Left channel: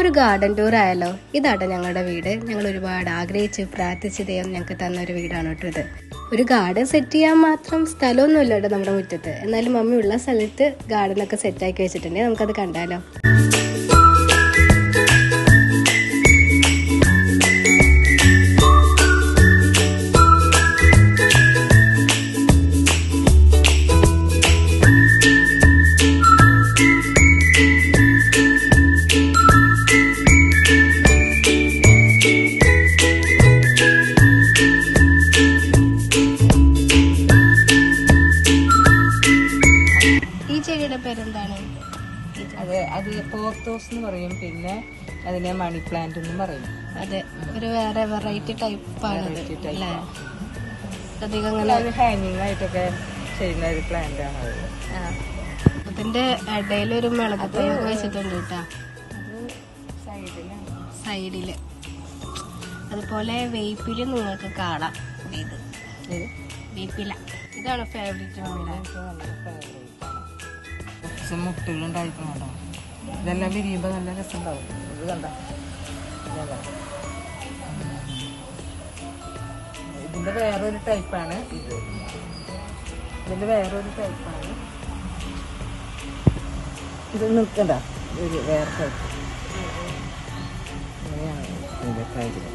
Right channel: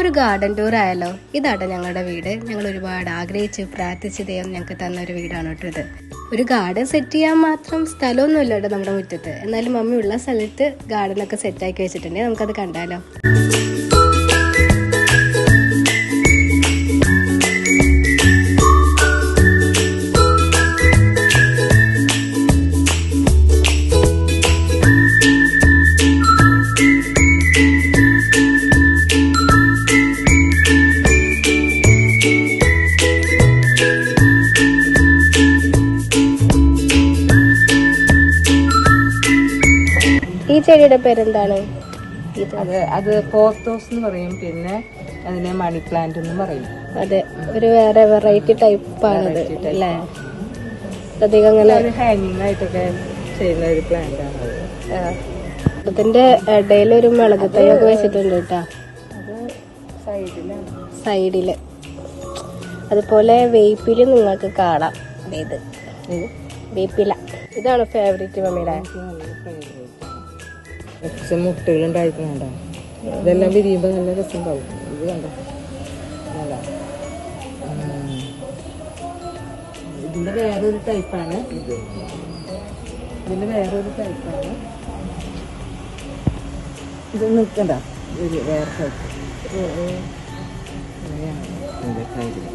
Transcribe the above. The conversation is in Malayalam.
ഒരു ഗാർഡൻ ടൂർ ആയാലോ? ഇതാട്ടോ ഞങ്ങളുടെ വീട്. ഞങ്ങൾ ഒരുപാട് ആഗ്രഹിച്ച് പ്രാർത്ഥിച്ച് ദൈവം ഞങ്ങൾക്ക് തന്ന ഒരു വീടാണ് കേട്ടോ ഇത്. ഒരു ഗാർഡൻ സെറ്റ് ചെയ്യാൻ മാത്രം സ്ഥലമൊന്നുമില്ല കേട്ടോ നമ്മുടെ മുറ്റത്ത്. എന്നാലും മമ്മി ഉള്ള സ്ഥലത്ത് ഗാർഡനൊക്കെ സെറ്റാക്കി വെച്ചിട്ടുണ്ട്. നമുക്കത് കണ്ടാലോ? ഈ ചെടിയുടെ പേരെന്താണ്? അത് പോത്തോസ് എന്ന് പറയും, പിന്നെ അതിനെ മണി പ്ലാന്റ് എന്ന് പറയും. അതെ, ഒരു വേറെ വെറൈറ്റി ടൈപ്പാണത് അല്ലേ? അധികം അങ്ങനെ ഹാങ്ങിങ് ആയിട്ടൊക്കെ ചെയ്യുന്ന ഒരു പ്ലാന്റ് ആണ്. അതിന്റെ ഇടയിലൊരു മുളക് തൈയൊക്കെ വെച്ചിട്ടുണ്ട് കേട്ടാ, അത് സൈഡില്. അതുപോലെ വേപ്പില് നിങ്ങൾക്ക് കാണാം. ഇത് വേപ്പില. ഇതാണ് ഫേവറേറ്റ് മമ്മിയുടെ. മുട്ടുകൾ ഉണ്ടായിട്ടുണ്ടോ? ഇതെല്ലാം വിരിയുമ്പോ നല്ല രസം ഉണ്ടാവും. ഇത് കണ്ട ഇതിന്റെ വേറൊരു ടൈപ്പാണ് ഇത്. ഇതിന്റെ വേറൊരു ടൈപ്പാണ് ഇത്. നിൽക്കണ്ട, വേറെ ടൈപ്പ്. അങ്ങനെയാണ് ഇതിന്റെ ടൈപ്പ്.